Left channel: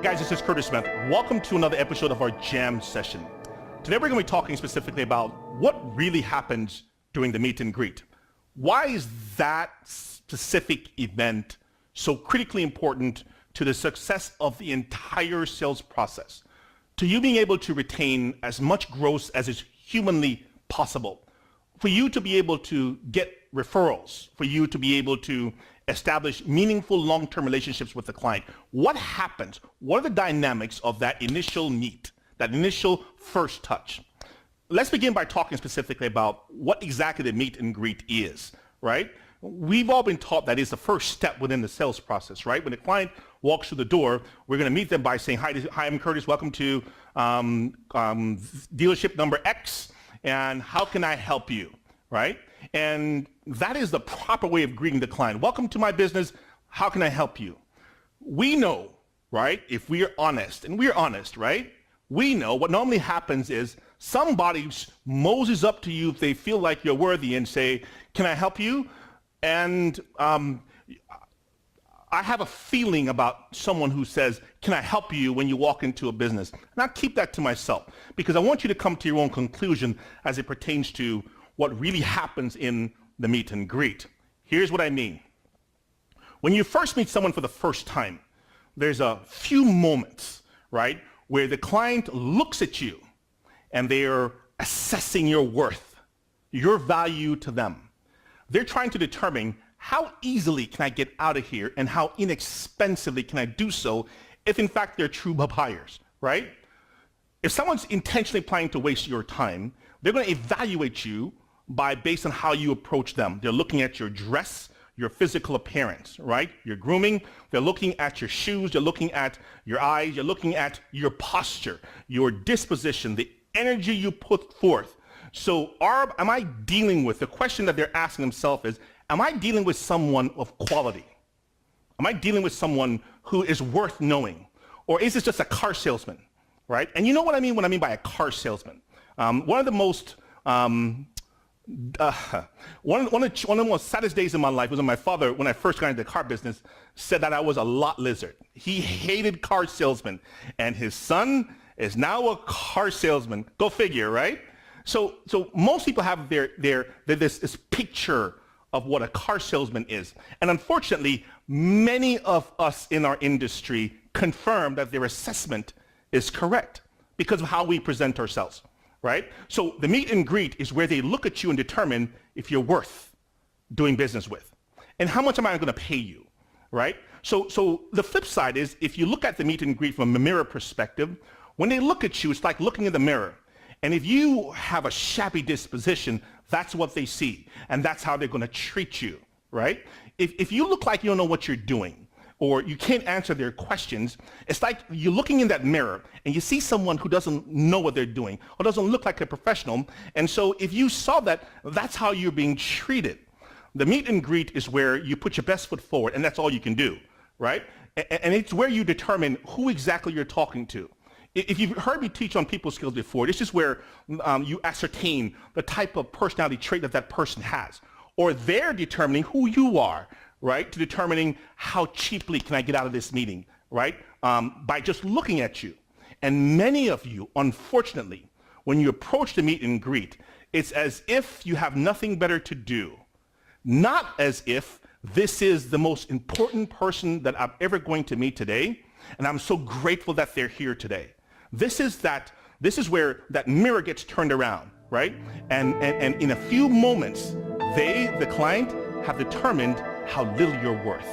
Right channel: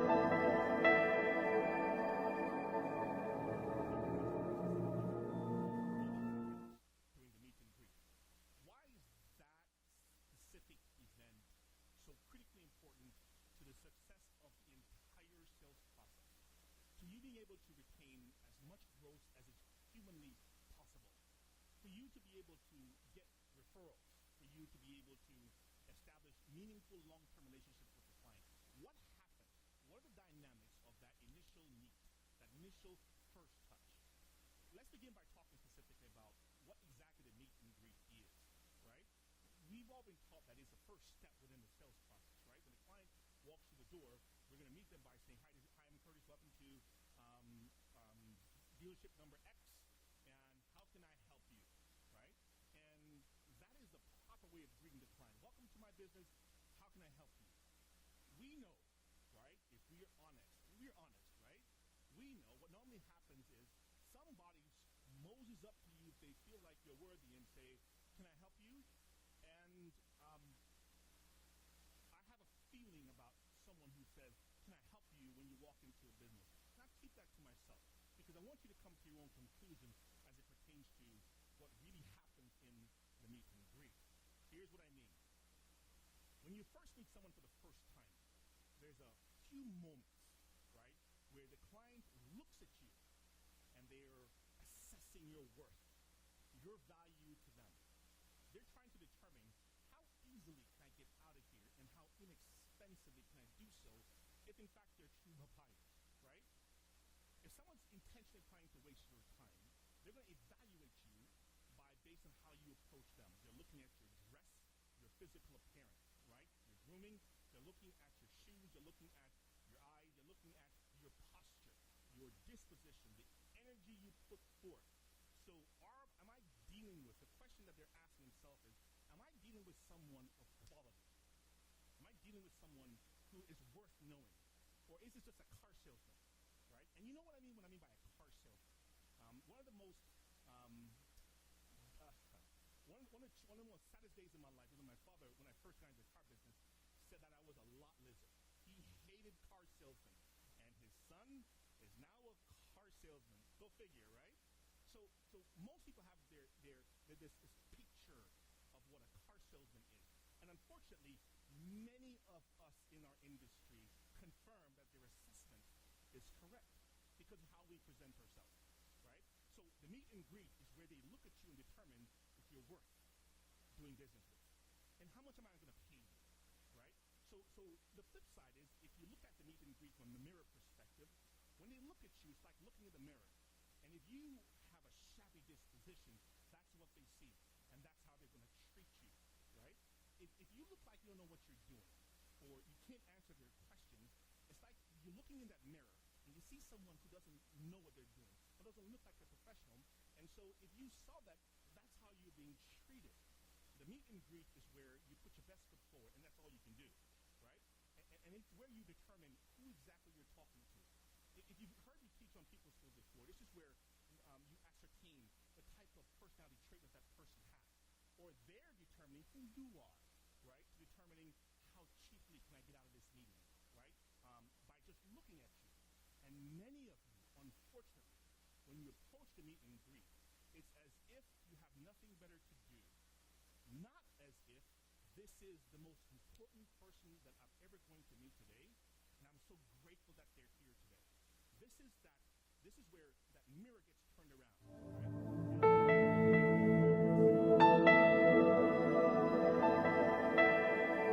Guys, this is Kurtis Smith. Welcome to another episode of our Jam session. Today we're going to be talking specifically about what really happens during the meet and greet. Why is that specific event so critically important to the success of the entire sales process? To you being able to retain as much growth as is humanly possible, for you to be able to get referrals, for you to be able to establish meaningful long-term relationships with the client. What happens? What are the dynamics of that initial meet, that initial first touch? Let's begin by talking specifically about what exactly the meet and greet is, right? We've all been taught that is the first step within the sales process, right? When the client walks through the door, we're going to meet them by saying, hi, I'm Kurtis, welcome to dealership number X, and how can I help you, right? And that is the proper way of greeting the client. Welcome to my business. How can I help you? We know, right, if we are honest, and we're honest, right? We know what normally happens is somebody moses up to you if they feel like you're worthy and say, can I help you? And I have a feeling about someone who says, can I help you when you walk into a business? And I keep that to myself because I want you to come to your own conclusion as it pertains to what really happens in the meet and greet. Here's what I mean. When you first meet someone for the first time, there's a few moments, right, where the client looks at you and they're assessing your worth, your value to them. They're trying to determine how easily can I get out of here and how inexpensively can I do so if in fact they're true buyers, right? If someone's intentionally planning to waste your time, they're going to evaluate you based on how you approach them. They're looking at your dress, your physical appearance, right? Your grooming. They're looking at your shoes. They're looking at your eyes. You're looking at your posture, your disposition, the energy you put forth. So am I dealing with, the question that they're asking themselves is, am I dealing with someone of quality? Am I dealing with someone who is worth knowing? Or is this just a car salesman, right? And you know what I mean when I mean by a car salesman. One of the most one of the most saddest days in my life was when my father, when I first got into the car business, said that I was a lot lizard. He hated car salesmen, and his son is now a car salesman. Go figure, right? So most people have this picture of what a car salesman is, and unfortunately, many of us in our industry confirm that their assessment is correct because of how we present ourselves. Right? So the meet and greet is where they look at you and determine if you're worth doing business with. And how much am I going to pay you? Right? So the flip side is if you look at the meet and greet from a mirror perspective, when they look at you, it's like looking in the mirror. And if you have a shabby disposition, that's what they see. And that's how they're going to treat you. Right? If you look like you don't know what you're doing, or you can't answer their questions, it's like you're looking in that mirror and you see someone who doesn't know what they're doing or doesn't look like a professional. And so if you saw that, that's how you're being treated. The meet and greet is where you put your best foot forward, and that's all you can do, right? And it's where you determine who exactly you're talking to. If you've heard me teach on people skills before, this is where you ascertain the type of personality trait that person has, or they're determining who you are, right, to determining how cheaply can I get out of this meeting, right, by just looking at you. And many of you, unfortunately, when you approach the meet and greet, it's as if you have nothing better to do, not as if this is the most important person that I'm ever going to meet today, and I'm so grateful that they're here today. This is where that mirror gets turned around, right? And in a few moments, the client, have determined how little you're worth.